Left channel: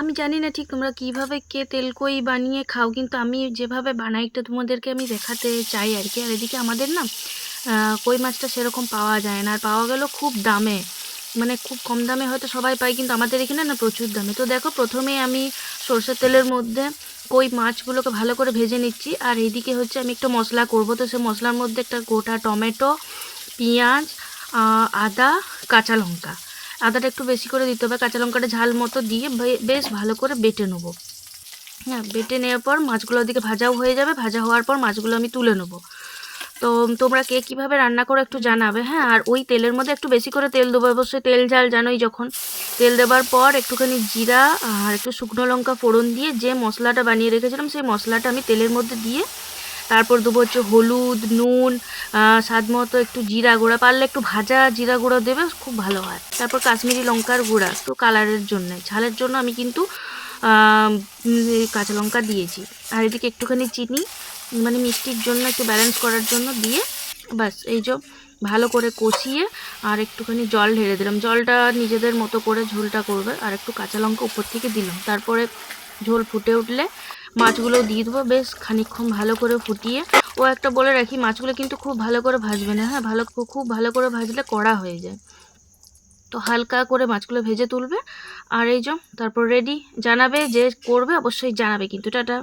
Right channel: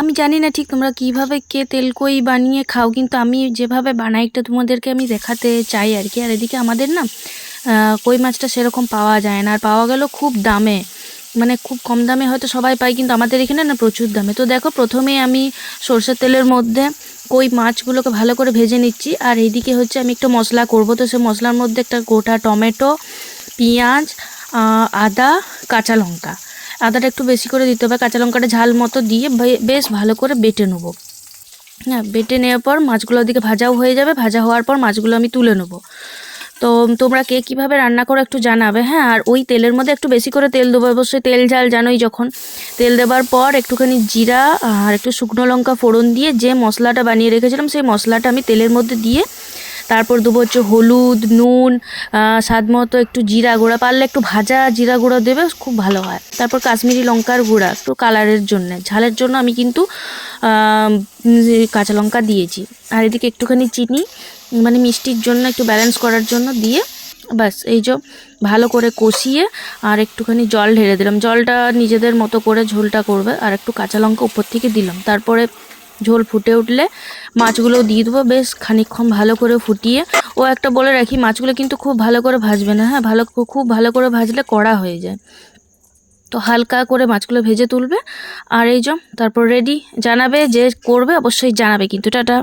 আমি জানি না ঠিক তোমরা কিভাবে কে তেলকই বানিয়ে খাও, কিন্তু আমি যেভাবে বানাই একটা তোমাদেরকে আমি দেখাতে চাই আর কি। আর এদিকে আমাদের না কই মাছটা সেরকম পাওয়া যায় না, আর পাওয়া গেল খুব দামে, মানে খুব কম দামে হয়তো সবাই পায়, কিন্তু আমাদের এখানে না প্রচুর দামে। তো দেখো প্রথমেই আমি সরষের তেলের মধ্যে কই মাছগুলোকে ভালো করে ভেজে নিচ্ছি। আর এইদিকে হচ্ছে আমি একটু মশলা করব, তো সে মশলার মধ্যে একটা গোটা টমেটো, পেঁয়াজ, আদা, কাঁচা লঙ্কা, আদাটা একটু বেশি করে দিতে হবে, কাঁচা লঙ্কাটা ঝাল মতো দিয়ে বেশ ভালো করে বেটে নেবো। হ্যাঁ, বেটে নেওয়ার পর মাছগুলো ওদিকে ভাজাও হয়ে যাবে, ভাজা হওয়ার পর মাছগুলো আমি তুলে নেবো। তো তোমরা কে কীভাবে রান্না করো একটু জানাবে, হ্যাঁ। আর ওই তেলের মধ্যে একটু বেশি করে তেল দেবো, অবশ্যই তেল ঝাল জানোই যখন। তেল দেওয়ার পর একটুখানি জিরা আর একটু শুকনো লঙ্কা ফোড়ন দিয়ে যে মশলাটা বানিয়ে রেখেছিলাম সেই মশলাটা আমি তেলের মধ্যে দিয়ে তারপর দেবো হচ্ছে হলুদ, নুন, স্বাদ মতো একটু জিরা গুঁড়া, পারলে একটু ভাজা জিরা গুঁড়ো দেবে, খুব ভালো হয়। তারপর কাশ্মীরি লঙ্কার গুঁড়া একটু কালারের জন্য, ঝালের জন্য আমি কিন্তু কাঁচা লঙ্কা দিয়েছি। আর এদিকে একটুখানি চিনি, মানে মিষ্টির জন্য একটু ব্যালেন্স করার জন্য দিয়ে ব্যাস এই যে ভালো করে কষিয়ে আর একটুখানি জল ঢেলে দিলাম। জলটা নিজেদের মতো করে ঝোলটা করবে, আর একটু কাঁচা লঙ্কা উপর থেকে দিলাম। তারপরে ঝোল ফুটে উঠলে মাছগুলো দিয়ে দেবো, বেশ খানিকক্ষণ ভালো করে ফুটিয়ে। ও একটা বলে রাখি, মাছগুলো কিন্তু খুব ভালো করে ভাজবে না, হ্যাঁ, খুব ভালো করে ভাজলে কড়া হয়ে যায়। তো হালকা করে মাছগুলো ভেজে তুলবে। আর এই যে তারপর রেডি। জানাবে যে করবে, অবশ্যই জানাবে কিন্তু। টাটা।